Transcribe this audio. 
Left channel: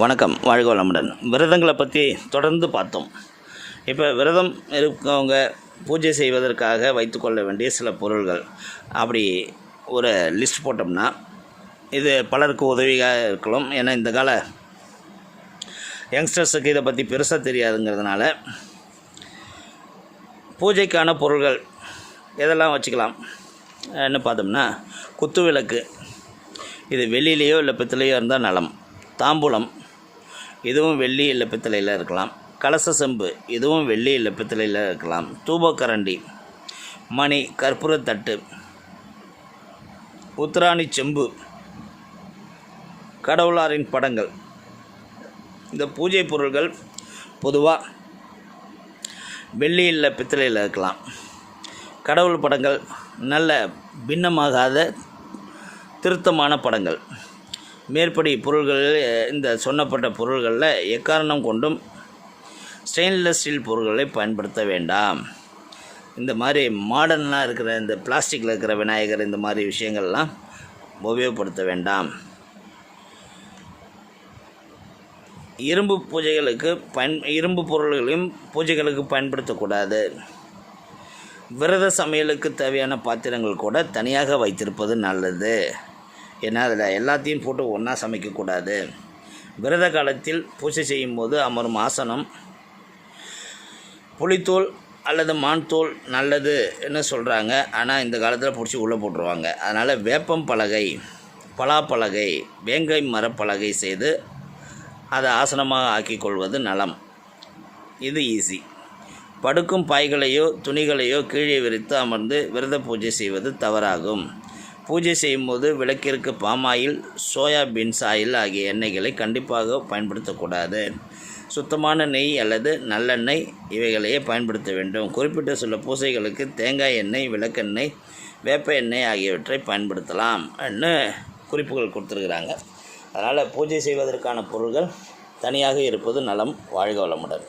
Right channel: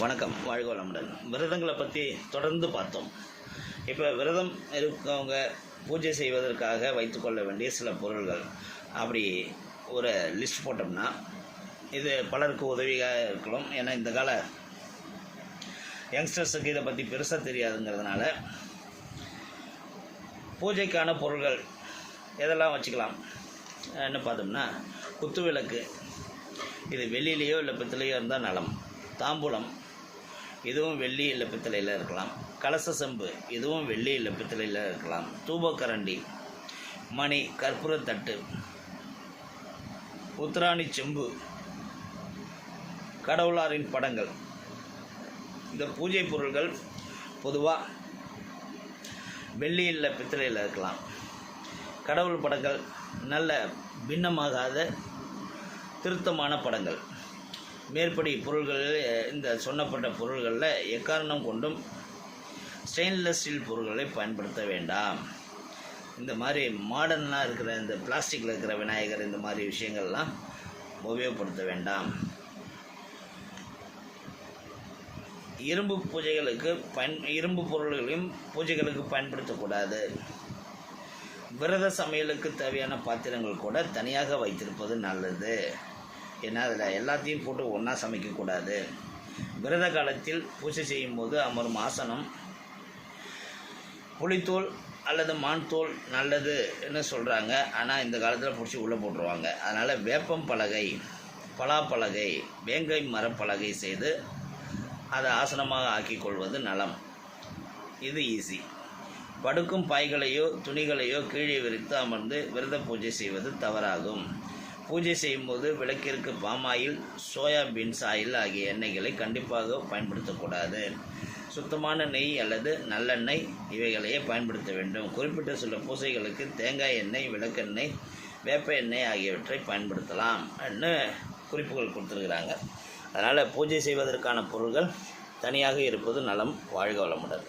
வணக்கம் வாழ்க வளமுடன். விரதங்களை பற்றி தொடர்ந்து பார்த்தோம். இப்போ விரதம் இருக்கவங்க பூஜை செய்வதற்காக வைத்துக்கொள்ள வேண்டிய சில பொருள்கள். அப்படி ஒரு லிஸ்ட் போட்டோம்னா இது பலருக்கு உதவியாக இருக்கலாம். ஏன்னா இந்த கால யங்ஸ்டர்ஸுக்கு இதை பற்றி பெருசாக தெரியாதுங்கிறதுனால பூஜைக்கான பொருள்கள் எதெல்லாம் வச்சுக்கலாம்? என்ன பார்த்தோம்னா குத்து விளக்கு இது வெளியிலேயோ இல்லை பித்தளையோ இருந்தால் நலம். தாம்பூலம். இதுவும் வெள்ளி இல்லை பித்தளையில் இருக்கலாம். கலச செம்பு இதுவும் வெள்ளி இல்லை பித்தளையில் இருக்கலாம் தூபக்கரண்டி மணி கற்பூரத்தட்டு உத்ராணி செம்பு கடவுளாரின் படங்கள். இந்த பூஜை பொருள்கள் பொதுவாக வெள்ளி இல்லை பித்தளையில் இருக்கலாம். கடவுள் படங்கள் நல்ல பின்னமாகாத திருத்தமான படங்கள். மேற்படி பொருள்களில் இந்த சொன்னப்பட்ட பொருள்களில் எக்காரணம் கொண்டும் ஸ்டெயின்லெஸ் ஸ்டீல் பொருள்களை பயன்படுத்த வேண்டாம். இந்த மாதிரி மாடர்னாக இருக்கிற இந்த பிளாஸ்டிக்கில் இருக்கிற விநாயகர் இந்த மாதிரி விஷயங்கள்லாம் உபயோகப்படுத்த வேண்டாம். இரும்பு பூஜைகளுக்கு பயன் இரும்பு பொருள்களையும் பூஜைகளுக்கு பயன்படுத்தக்கூடாது. விரத சமையலுக்கு தேவையான பாத்திரங்கள் கூட தனியாக வைத்திருப்பது நல்லது. ஏன்னா அதில் எல்லாத்தையும் போட்டு ஒன்றா சமைக்கக்கூடாது விரத காலத்தில் பூஜை செய்யும்போது அமரும் ஆசனம் புளித்தோல் அல்லது மான் தோல் நல்லதுன்னு சொல்கிறாங்க ஆனால் இந்த காலத்தில் பிடிச்சி உள்ளே போட்டுருவாங்க. அதனால் வேப்பம் பலகை பலாப்பலகை வேங்கை மரப்பலகை செய்து அதை ஆசனமாக ஆக்கிக் கொள்வது நலம். இது ஈஸி படுக்கும் பாய்களையோ துணிகளையோ கீழே விரித்து அமர்ந்து விரத பூஜை செய்வது தவறாகும். பூஜை செய்யும்போது விளக்கிற்கு பாமாயில் சோயாபீன்ஸ் ஆயில் ஆகிய எண்ணெய்களை கண்டிப்பாக பயன்படுத்தக்கூடாது. சுத்தமான நெய் அல்லது நல்லெண்ணெய் இவைகளையே பயன்படுத்த வேண்டும். குறிப்பிட்ட சில பூசைகளுக்கு தேங்காய் எண்ணெய் விளக்கெண்ணெய் வேப்ப எண்ணெய் ஆகியவற்றை பயன்படுத்தலாம் குறிப்புகள் கொடுத்துருக்குறாங்க. அதனால் பூஜை செய்வதற்கான பொருள்கள் தனியாக இருப்பது நலம் வாழ்க வளமுடன்.